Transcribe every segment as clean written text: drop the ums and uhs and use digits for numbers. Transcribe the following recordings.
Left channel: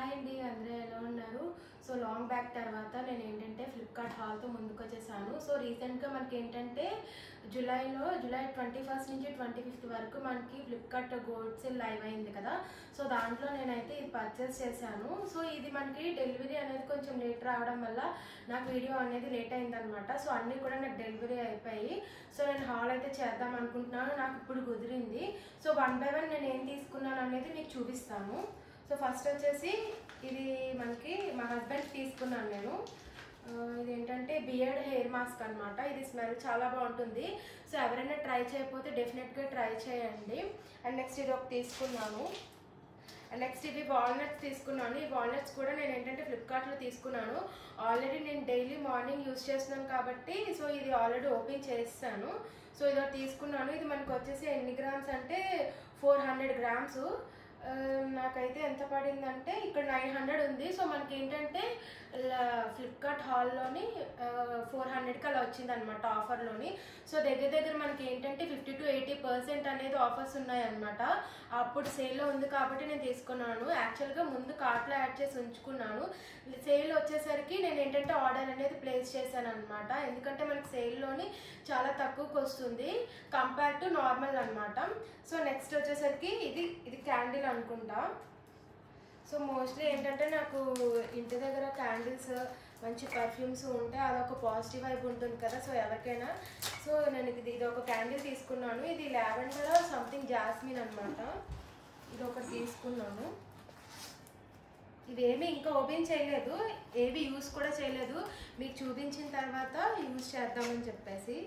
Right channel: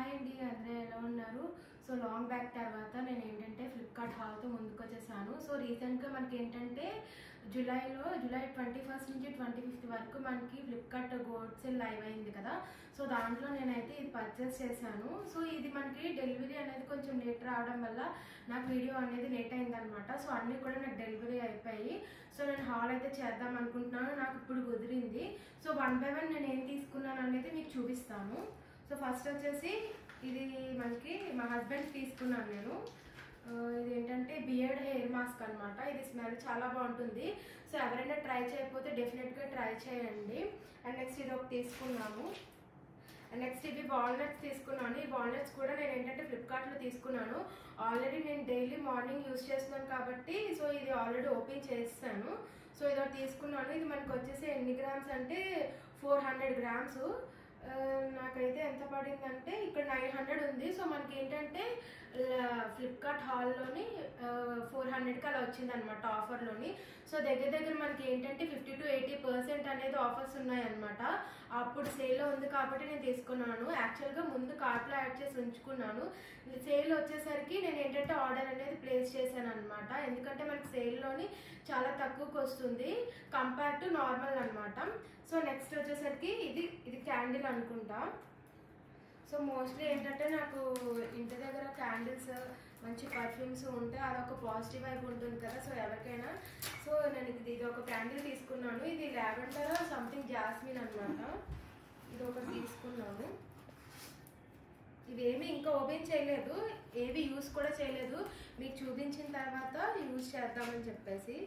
Hi అండి, అందరూ ఎలా ఉన్నారు? సో లాంగ్ బ్యాక్ తర్వాత నేను ఏంటంటే ఫ్లిప్కార్ట్ హాల్తో ముందుకు వచ్చేసాను. సో రీసెంట్గా మనకి ఏంటంటే జూలై 21 నుంచి 25 వరకు మనకి ఫ్లిప్కార్ట్ గోల్డ్ సేల్ లైవ్ అయింది కదా. సో దాంట్లో నేనైతే ఇది పర్చేస్ చేశాను. సో ఇది మనకి డెలివరీ అనేది కొంచెం లేట్ రావడం వల్ల నాకు వీడియో అనేది లేట్ అయిందనమాట. సో అన్నీ కూడా నాకు డెలివరీ అయిపోయి సో నేను హాల్ అయితే చేద్దాం అనుకుంటున్నాను. నాకు ఇప్పుడు కుదిరింది. సో 1 by 1 నేను ఏం తీసుకున్నాను అనేది మీకు చూపిస్తాను. సో ఫస్ట్ వచ్చేసి ఇది మనకి మా హస్బెండ్ తీసుకున్నాను నేను. ఇది ఏంటంటే బియర్డ్ హెయిర్ మాస్క్ అనమాట. ఇది స్మెల్ చాలా బాగుంటుంది. సో ఎవరైనా ట్రై చేయకపోతే డెఫినెట్గా ట్రై చేయండి. అండ్ నెక్స్ట్ ఇది ఒకటి తీసుకున్నాను. అండ్ నెక్స్ట్ ఇది వాల్నట్స్ తీసుకున్నాను. ఈ వాల్నట్స్ కూడా నేను ఏంటంటే ఫ్లిప్కార్ట్లో తీసుకున్నాను. ఆల్రెడీ నేను డైలీ మార్నింగ్ యూజ్ చేస్తున్నాను కాబట్టి సో ఇది ఆల్రెడీ ఓపెన్ చేస్తాను. సో ఇది ఒకటి తీసుకున్నాను. ఇది మనకు వచ్చేసి ఎన్ని గ్రామ్స్ అంటే 400 grams. నాకైతే ఎంత పడిందంటే ఇక్కడ 900 ఉంది. సో మనకి ఏంటంటే ఫ్లిప్కార్ట్ హాల్లోని 400కి అలా వచ్చింది అనమాట ఆఫర్లోని. సో దగ్గర మనకి ఏంటంటే 50 to 80% అనేది ఆఫర్స్ ఉన్నాయన్నమాట. అప్పుడు సేల్లో ఉంది కాబట్టి నేను తీసుకున్నాను. యాక్చువల్గా ముందు కార్ట్లో యాడ్ చేసి ఉంచుకున్నాను. సేల్ వచ్చేసరికి నేను ఏంటంటే ఆర్డర్ అనేది ప్లేస్ చేశాను అనమాట. ఎందుకంటే మనకి సేల్లోని చాలా తక్కువకి వస్తుంది కంపేర్ టు నార్మల్ అనమాట. సో నెక్స్ట్ వచ్చేసరికి ఇది క్యాండిల్ అనుకుంటా. సో మోస్ట్లీ ఏంటంటే నాకు ఇంటి దగ్గర క్యాండిల్స్ మంచి పర్ఫ్యూమ్స్ ఉంటే అదొక పాజిటివ్ వైబ్ ఉంటుంది కదా. సో ఎవరికైనా సో నేను ఇది ఒక క్యాండిల్ తీసుకున్నాను. ఇది లావెండర్ సంథింగ్ జాస్మిన్ అనమాట. ఇది ఒకటి తీసుకున్నాను. ఇవేమి ఇంకా ఓపెన్ చేయలేదు, ఏవి యూస్ కూడా చేయలేదు. మీకు చూపించిన తర్వాత యూజ్ చేద్దామని చెప్పేసి.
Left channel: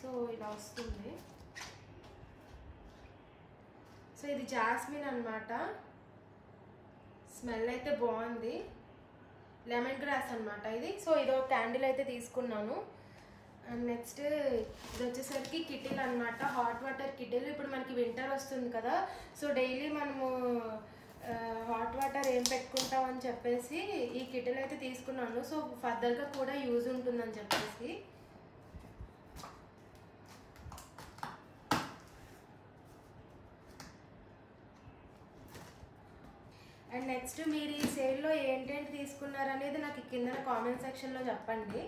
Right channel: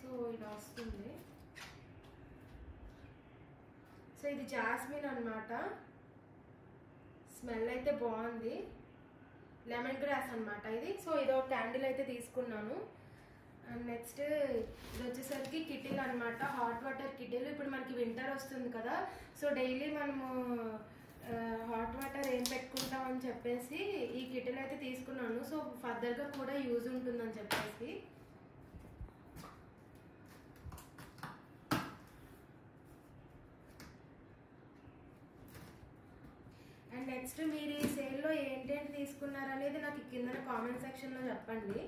సో ఇలా వస్తుంది. సో ఇది జాస్మిన్ అనమాట. స్మెల్ అయితే బాగుంది. లెమన్ గ్రాస్ అనమాట ఇది. సో ఇది ఒక క్యాండిల్ అయితే తీసుకున్నాను. అండ్ నెక్స్ట్ ఇది వచ్చేసరికి కిటిల్ అనమాట. Hot water kettle. ఇప్పుడు మనకి వింటర్ వస్తుంది కదా. సో డైలీ మనము హాట్ వాటర్ ఏం పెట్టుకుంటాం అని చెప్పేసి ఈ కిటిల్ అయితే తీసుకున్నాను. సో ఫర్దర్గా కూడా యూజ్ ఉంటుందని చెప్పేసి. అండ్ నెక్స్ట్ మీరు ఈ సేల్లో ఏంటేంటి తీసుకున్నారు అనేది నాకు కింద కామెంట్ సెక్షన్లో చెప్పండి.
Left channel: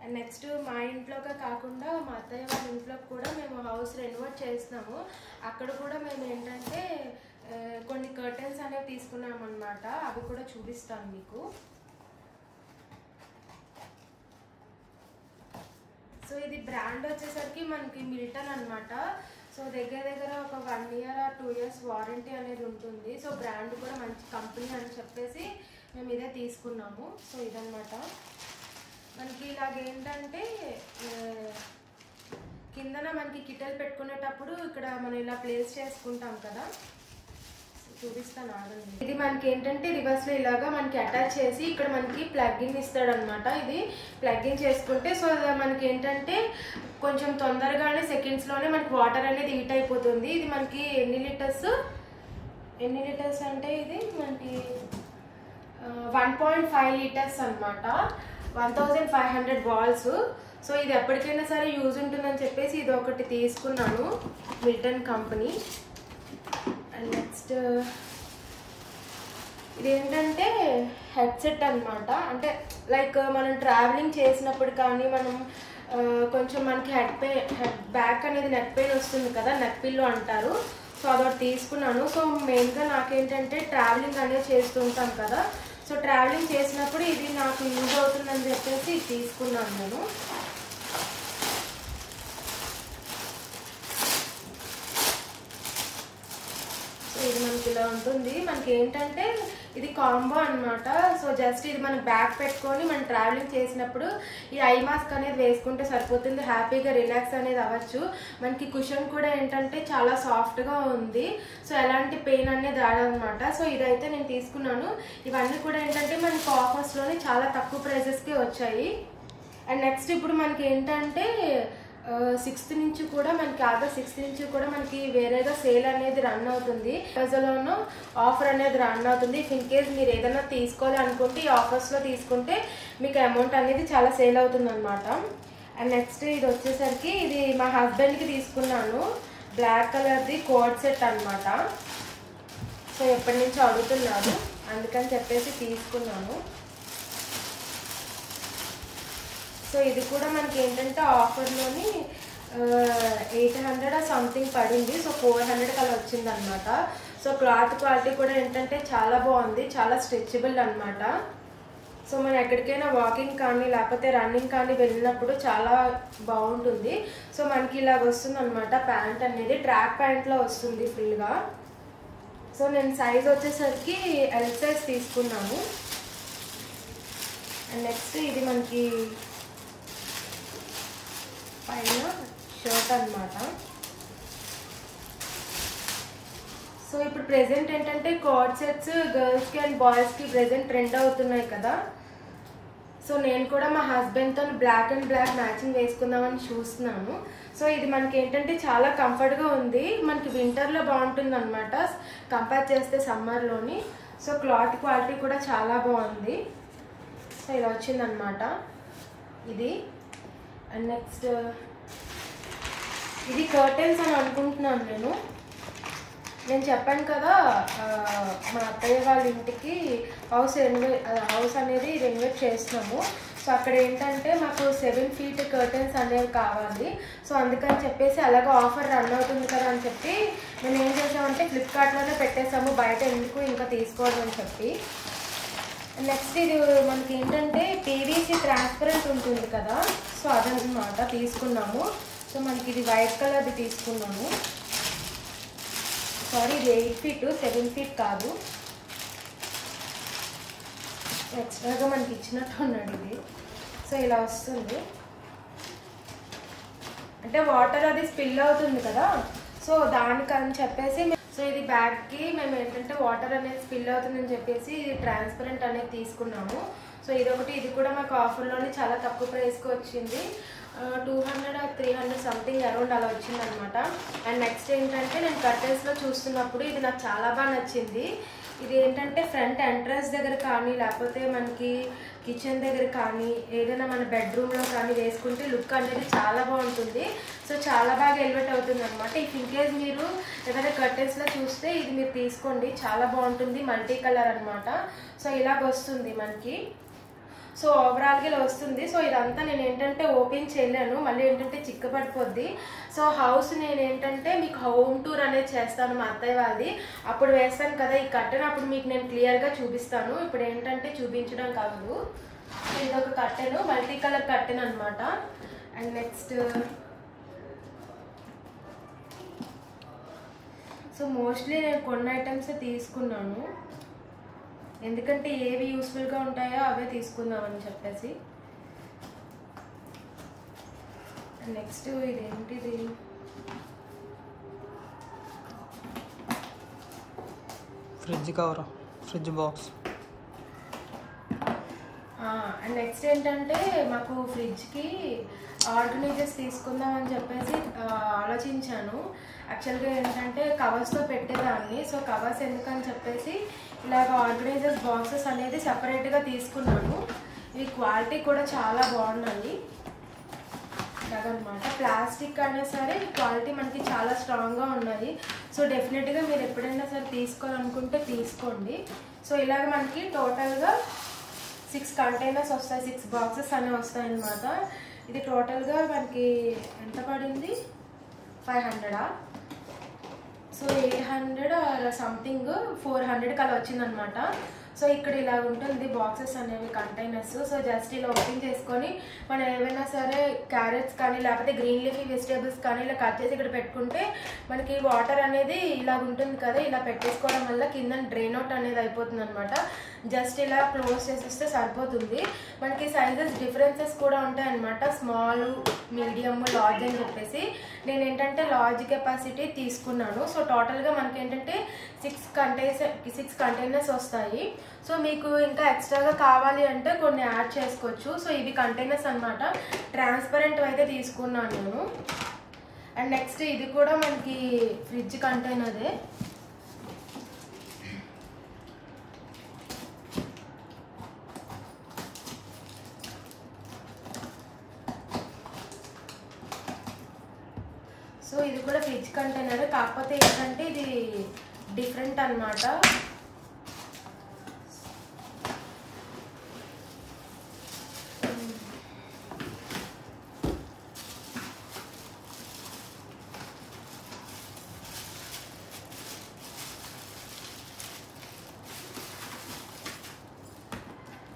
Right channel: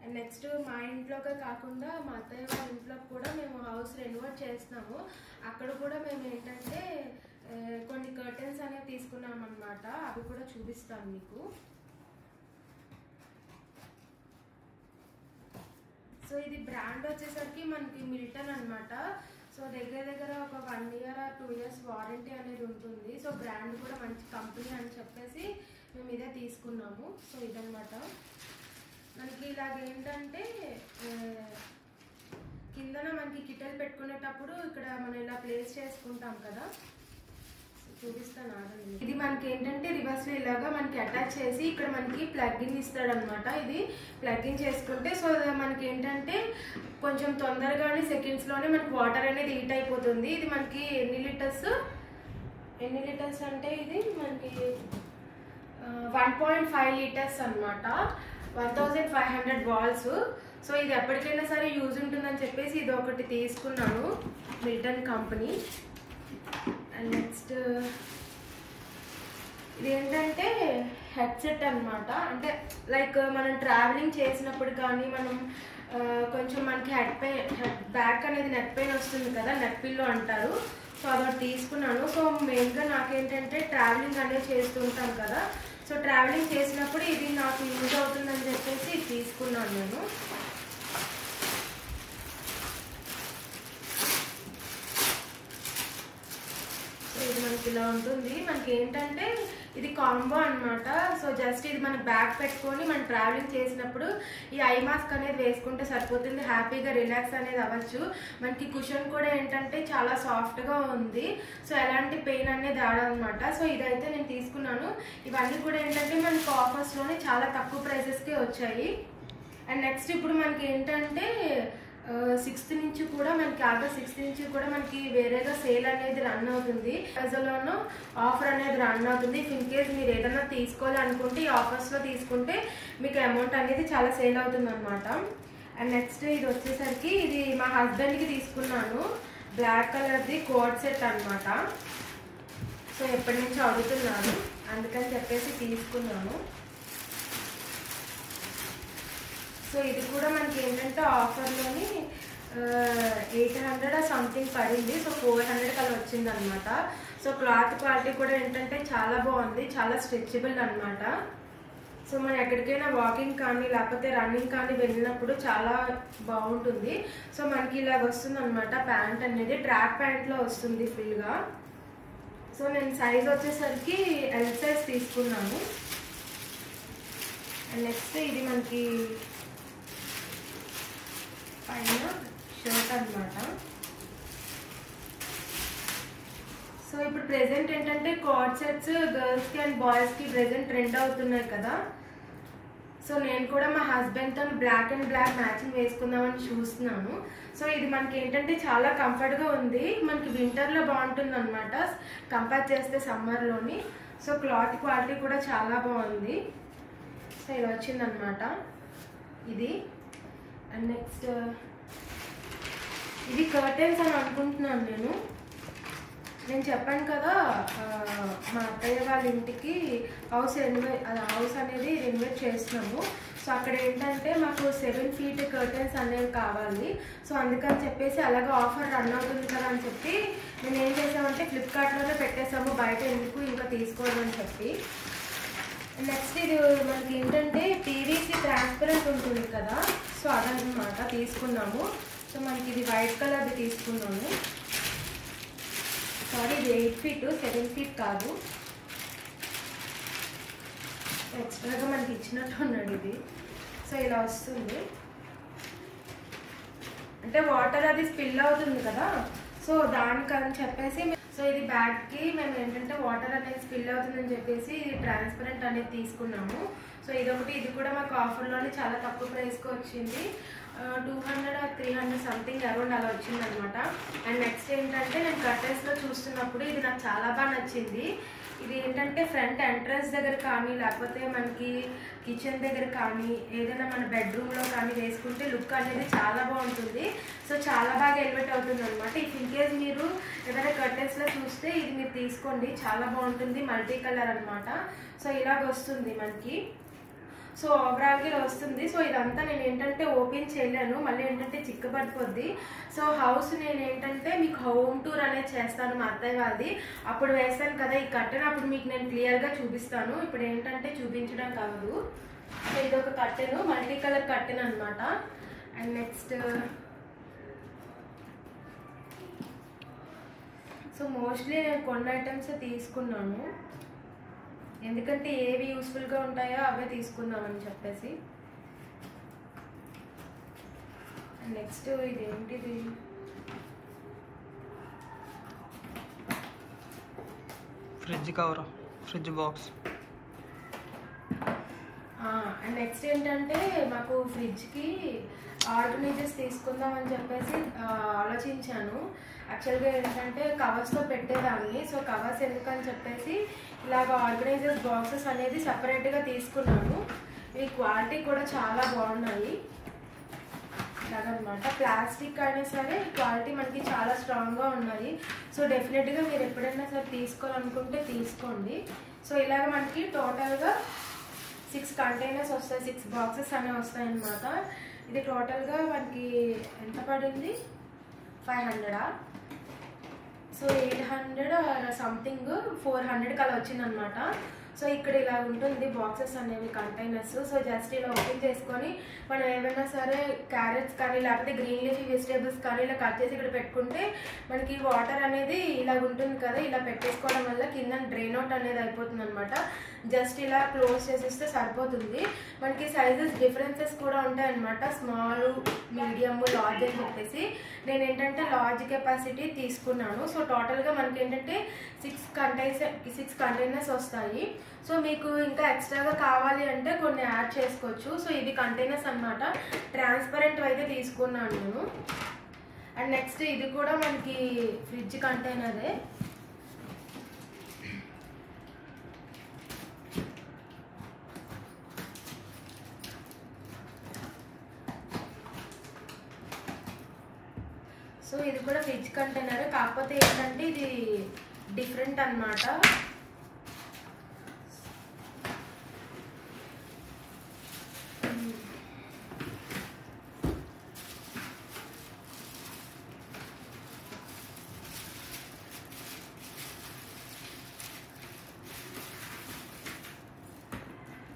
అండ్ నెక్స్ట్ మా ఇంట్లోకే కాకుండా మా అత్తయ్య వాళ్ళ ఇంట్లోకి కూడా మేము హౌస్ రెనోవేట్ చేస్తున్నాము. అక్కడ కూడా మేము ఏంటంటే కొన్ని కర్టన్స్ అనేవి తీసుకున్నాం అనమాట. అవి కూడా చూపిస్తాను మీకు. సో ఇది బ్రాండ్ వచ్చేసరికి మనకి మిల్టన్ అనమాట. సో దగ్గర ఒక 1 year or 2 years వారంటీ అనేది ఉంటుంది. సో బ్రాండ్ కూడా మంచి కంపెనీ అని చెప్పేసి మేము ఇదే తీసుకున్నాము. సో ఇదన్నమాట. మనకి ఇలాగేంటంటే కిందన మనకి కిటల్ పెట్టుకునేటప్పుడు ఇక్కడ మనం ఇలా ప్లేస్ చేసుకుంటాం కదా. చూపిస్తాను ఆగండి. ఇది మనకి ఏంటంటే రివర్స్ లో ఇలాగా మనకి అటాచ్ చేసి ఇక్కడ మనకి ప్లగ్ఇన్ ఇస్తాడు అనమాట. ఇది ప్లగ్ఇన్ చేసుకుంటే సో మనకి ఏంటంటే కొంచెం తొందరగానే సెకండ్స్ లోనే మనకి వాటర్ అనేది హీట్ అయిపోతుంది. ఇది మనకి ఎన్ని లీటర్స్ అంటే ఇది మనకి 1.5 liters అనమాట. 1500 balls. సో ఇది ఎప్పటికైనా సరే యూజ్ ఉంటుందని చెప్పేసి ఇది ఒకటి తీసుకున్నాను, మిల్టన్ కంపెనీ. అండ్ నెక్స్ట్ ఇదేంటంటే హెడ్సెట్ అనమాట. అంటే లైక్ మనం ట్రావెలింగ్ చేసినప్పుడు కానీ మనం కొంచెం మనకి హెడ్ బ్యాక్ అనేది నెక్ పెయిన్ వస్తుంది కదా, నెక్ పిల్లో అంటారు. సో అదొకటి తీసుకున్నాను. సో మెయిన్గా నాకేంటంటే ట్రావెలింగ్ అనేది చేస్తుంటాం కదా. సో ట్రావెలింగ్ చేసినప్పుడు ఇది నాకు యూజ్ అవుతుందని చెప్పేసి ఇది తీసుకున్నాను నేను. ఇది మనకి ఇలా ఉంటుంది. మనకి ఏంటంటే ఇది కాంబో అనమాట. సో జస్ట్ ఇది మనం బ్యాగ్ పెట్టుకొని మనం ట్రావెలింగ్ చేసినప్పుడు ఈ ఐ మాస్క్ అనేది వేసుకుంటే సరిపోతుంది. హ్యాపీగా రిలాక్స్ అనేది అవ్వచ్చు. మనకి కుషన్ కూడా ఏంటంటే చాలా సాఫ్ట్గా ఉంది. సో ఎలాంటి పెయిన్ అనేది రాదనమాట. సో ఇదైతే నేను తీసుకున్నాను. ఇవన్నీ కూడా ఏంటంటే మనకి ఆఫర్స్లోనే చాలా తక్కువ ప్రైసెస్కి వచ్చాయి. అండ్ నెక్స్ట్ ఇప్పుడు మనకి ఏంటంటే 6th నుంచి కూడా మనకి ఆగస్ట్ 6th నుంచి కూడా మనకి వేరేగా సేల్ అనేది రన్ అవుతుంది. ప్రజలోనూ ఆఫర్ అనేది రన్ అవుతుంది. ఇన్ కేస్ మీరు ఏదైనా తీసుకోవాలి అనుకుంటే ఈ ఆఫర్స్లో తీసుకుంటే మీకు అమౌంట్ అనేది చాలా సేల్ అవుతుంది అనమాట. అండ్ నెక్స్ట్ ఇది వచ్చేసరికి ఇది మా హస్బెండ్కి తీసుకున్నాను. బ్లాక్ కలర్ది కోట్ సెట్ అనమాట. సో ఎప్పటి నుంచి అడుగుతున్నాను, అందుకని చెప్పేసి తీసుకున్నాను. సో ఇది కూడా మనకి ఏంటంటే ఆఫర్లోని 800 సంథింగ్ పడింది. సో 400 అలా వచ్చింది అనమాట. సో క్లాత్ క్వాలిటీ కూడా ఏంటంటే చాలా బాగుంది, చాలా స్ట్రెచబుల్ అనమాట. సో మనం ఎక్కడికైనా వాకింగ్ కానీ లేకపోతే రన్నింగ్ కానీ వెళ్ళినప్పుడు చాలా బాగుంటుంది. సో మనకి ఇలాగ వస్తుంది అనమాట. ప్యాంట్ అనేది ట్రాక్ ప్యాంట్లో వస్తుంది ఫుల్గా. సో నేను సైజ్ వచ్చేసరికి ఎల్ సైజ్ తీసుకున్నాను. అండ్ నెక్స్ట్ ఇది మనకి పైన షర్ట్ అనమాట. సో ఇప్పుడు ప్రెసెంట్ ఏంటంటే కోట్ సెట్స్ గర్ల్స్కి అండ్ బాయ్స్కి ప్రెసెంట్ ట్రెండ్ అవుతున్నాయి కదా. సో నేను కూడా మా హస్బెండ్తో బ్లాక్ అండ్ బ్లాక్ మ్యాచింగ్ వేసుకుందామని చూస్తున్నాను. సో ఇది మనకి ఏంటంటే చాలా కంఫర్ట్గా ఉంది, మనకి వింటర్లో బాగుంటుంది అనమాట కంపేర్ చేస్తే సమ్మర్లోని. సో క్లాత్ క్వాలిటీ కూడా చాలా బాగుంది. సో ఇలా వచ్చిందనమాట ఇది. అండ్ నెక్స్ట్ ఇది కర్టెన్స్ అని అనుకుంటున్నాను నేను చెప్పాను కదా మా అత్తయ్య వాళ్ళ ఇంటికి హౌస్ అనేది రెనోవేట్ చేస్తున్నాము. సో అక్కడ ఏంటంటే మాకు 7 feet కర్టెన్స్ అనేవి కావాలి. సో అందుకని చెప్పేసి అలాగే ఆఫర్ రన్ అవుతుంది కదా అని చెప్పి మేము ఏం చేసామంటే ఫ్లిప్కార్ట్లోనే పెట్టేసాము, బయట ఎందుకు ఇంకా తీసుకోవడం అని చెప్పి. నెక్స్ట్ ఇది మనకి ఏంటంటే పీవీసీ ట్రాన్స్పరెంట్ ఉంటుంది కదా, సో అదనమాట తీసుకున్నాము. సో మనకి ఇది వైట్ కలర్ది తీసుకున్నాము. సారీ ఇది 8 feet 7 feet కాదు, ఎక్స్ట్రాగా మనకి ఇచ్చినట్టు ఉన్నాడు ఇది. సో ఇలా వస్తుంది అంటే వాటర్ అది స్పిల్ అవుతుంది కదా, సో దానికని చెప్పేసి సో ఇది బ్యాగ్కి మేము ఏంటంటే వాటర్ అనేది స్పిల్ అవుతుందని చెప్పేసి ఇది ట్రాన్స్పరెంట్ అనేది తీసుకున్నాము. సో ఇదొకటి, ఇది కూడా మాకు ఆఫర్లోనే చాలా తక్కువ ప్రైస్కి వచ్చింది. 200 300 సంథింగ్ అరౌండ్ అలా వచ్చింది అనమాట. అండ్ నెక్స్ట్ ఏంటంటే నేను కర్టెన్స్లో చూస్తున్నప్పుడు ఇది నాకు చాలా బాగా నచ్చింది. ఇది ఏంటంటే ఫ్రంట్ ఎంట్రన్స్ దగ్గర కానీ లేకపోతే మనకి కిచెన్ దగ్గర కానీ ఏదైనా మన బెడ్రూమ్లో కానీ వేసుకుంటే లుక్ అనేది చాలా బాగుంటుంది. సో చాలా బాగా ఎలివేట్ అవుతుంది అనమాట. ఇన్కేస్ మీరు ఏదైనా కర్టెన్స్లో చూస్తే ఇది మీరు తీసుకోండి, చాలా బాగుంటుంది. మల్టీ కలర్ అనమాట. సో ఇలాగ వస్తుంది మనకి. సో ఓవరాల్గా ఇలా వస్తుంది. సో ఇదంతా నేను ఏంటంటే ఓపెన్ చేయలేను, మళ్ళీ ఏంటంటే చిక్కబడిపోద్ది. సో హౌస్ నేను ఏంటంటే మీకు హోమ్ టూర్ అనేది చేస్తాను మా అత్తయ్య వాళ్ళది, అప్పుడు వేస్తాను కదా ఈ కర్టెన్, అప్పుడు మీకు నేను క్లియర్గా చూపిస్తాను. ఇప్పుడు ఏంటంటే చూపించడం కాదు, ఇది ఒక కర్టెన్, మల్టీ కలర్ కర్టెన్ అనమాట. అండ్ నెక్స్ట్ సో మోస్ట్లీ నేను కొన్ని ఐటమ్స్ తీసుకున్నాను, ఎందుకంటే ఏవి యూస్ఫుల్గా ఉంటాయో అవే తీసుకుందామని చెప్పేసి. నెక్స్ట్ ఇదేంటిది, fridge cover, fridge box. And next ఏంటంటే మాకు ఫ్రిడ్జ్కి ఆర్గనైజర్స్ తీసుకుందాం అని చెప్పేసి ఆలోచించాను. యాక్చువల్గా ఏంటంటే కవర్స్తో పెట్టేదాన్ని, సో కవర్స్ ఎందుకని చెప్పేసి ఇలాగ ఆర్గనైజర్స్ బాక్సెస్ అనేది సపరేట్గా తీసుకున్నాను. ఈ క్వాలిటీ కూడా చాలా బాగున్నాయి ఇలాగనమాట. ప్లాస్టిక్ అయినా సరే క్వాలిటీ మనకి చాలా స్ట్రాంగ్గా ఉన్నాయి. సో డెఫినెట్గా మీరు ఎప్పుడైనా సరే తీసుకోవాలనుకుంటే తీసుకోండి. సో ఇలాగ మనకి టోటల్గా 6 కంటైనర్స్ వస్తాయి, 6 బాక్సెస్ అనేవి వస్తాయి అన్నమాట. ఇది టోటల్గా మనకి ఎంత పడింది, 500. సో 800 సంథింగ్ 400 అలా వచ్చిందనమాట. సో ఇక్కడ ఇలా ఉంటుంది బాక్సెస్ అనేవి కంటైనర్స్. సో జస్ట్ ఇలా ఓపెన్ చేసుకొని మనం ఏమైనా సరే క్యారెట్స్ కానీ లేకపోతే గ్రీన్ లీఫీ వెజిటేబుల్స్ కానీ ఇలా కట్ చేసి ఇక్కడ పెట్టుకుంటే మనకి వాటర్ అనేది ఇలా ఉంటుంది కదా, ఇలా పెట్టేసుకోవడం వల్ల కింద డ్రైన్ అవుట్ అనేది అయిపోతుంది అనమాట. జస్ట్ ఇలా క్లోజ్ చేసేస్తే సరిపోతుంది. మనకి సైజెస్ డిఫరెన్సెస్ కూడా ఉంటాయి అనమాట, స్మాల్, మీడియం, లార్జ్ అని చెప్పేసి. నేను ఏంటంటే లార్జ్ కెపాసిటీ తీసుకున్నాను. సో టోటల్గా మనకి ఏంటంటే 6 కంటైనర్స్ వస్తాయి. సో మీకు ఇంకా ఎక్స్ట్రాగా కావాలి అంటే కొన్ని యాడ్ చేసుకోవచ్చు. సో ఇవి కంటైనర్స్ అనమాట, ట్రాన్స్పరెంట్ అయితే తీసుకున్నాను నేను. అండ్ నెక్స్ట్ ఇది కూడా మనకి ఫ్రిడ్జ్ కంటైనరే. సో ఇది కూడా ఫ్రిడ్జ్ కంటైనర్, కాకపోతే ఏంటంటే ఇది డిఫరెంట్ అన్నమాట.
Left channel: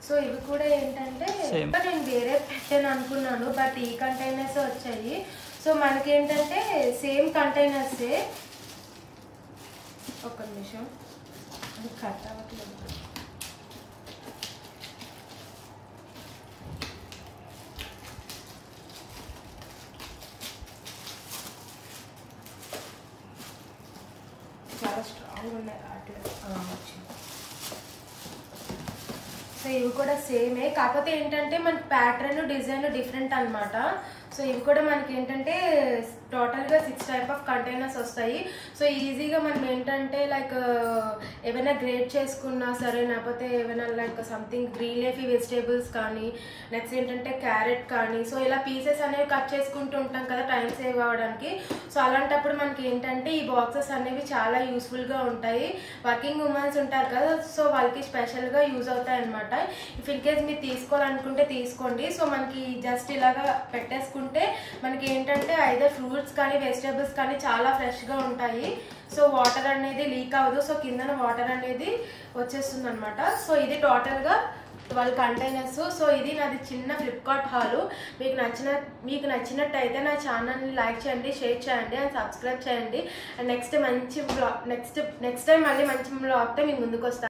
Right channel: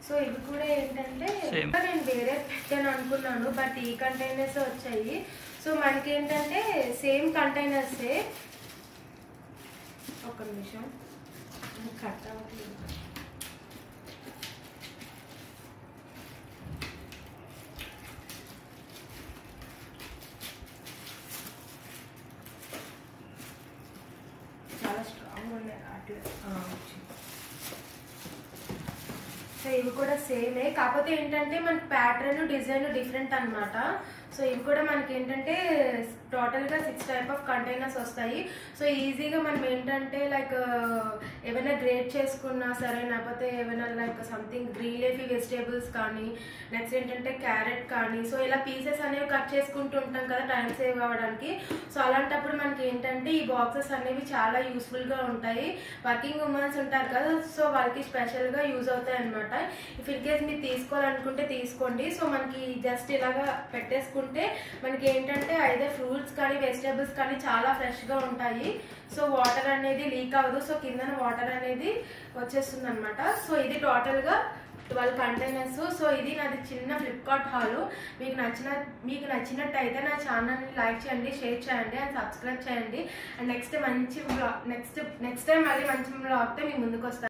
సో ఇవి కూడా ఏంటంటే నేను వేరే పెట్టాను అనుకున్నాను, బట్ ఈ కంటైనర్స్ వచ్చాయి. సో మనకి ఏంటంటే సేమ్ కంటైనర్సే. ఒక నిమిషం కట్ అవ్వట్లేదు. చాలా స్ట్రాంగ్ ఉన్నాయి అట్లా. సో ఇవి కూడా సేమే, కాకపోతే ఏంటంటే మనకి ప్యాటర్న్ డిజైన్ డిఫరెంట్ అన్నమాట. సో ఇవి కూడా మనకి ఏంటంటే టోటల్గా 6 టైప్ ఆఫ్ కంటైనర్స్ వస్తాయి. సో ఈజీగా మనం ఏంటంటే లైక్ ఏమైనా గ్రేట్ చేసుకున్నా సరే, లేకపోతే ఏమైనా like something green leafy vegetables కానీ, నెక్స్ట్ ఏంటంటే క్యారెట్ కానీ, సో ఇలా పీసెస్ అనేవి కట్ చేసుకుంటూ ఉంటాం కదా టైం సేవ్ అవ్వడానికి. సో అలాంటప్పుడు మనకి ఏంటంటే ఈ బాక్సెస్ అనేవి చాలా యూస్ఫుల్గా ఉంటాయి. వర్కింగ్ ఉమెన్స్ ఉంటారు కదా, సో వాళ్ళకి స్పెషల్గా యూజ్ అవుతాయి అనమాట. ఇఫ్ ఇన్ కేస్ మీరు తీసుకోవాలనుకుంటే తీసుకోండి. సో మనకి జస్ట్ ఇలాగా పెట్టేసుకుంటే మనకి ఏంటంటే ఐదర్ ఫ్రూట్స్ కానీ వెజిటేబుల్స్ కానీ చాలా ఫ్రెష్గా ఉంటాయి. సో వాటర్ అనేది లీక్ అవ్వదు. సో కిందన వాటర్ అనేది వచ్చేస్తుంది అనమాట. సో ఇది టోటల్గా 12 కంటైనర్స్. సో ఇది నాది చిన్న ఫ్లిప్కార్ట్ హాల్. మీకు నచ్చినట్టయితే నా ఛానల్ని లైక్ చేయండి, షేర్ చేయండి అండ్ సబ్స్క్రైబ్ చేయండి. అండ్ నెక్స్ట్ టైం మళ్ళీ మంచి బ్లాగ్తో మీకు ముందుకు వస్తాను.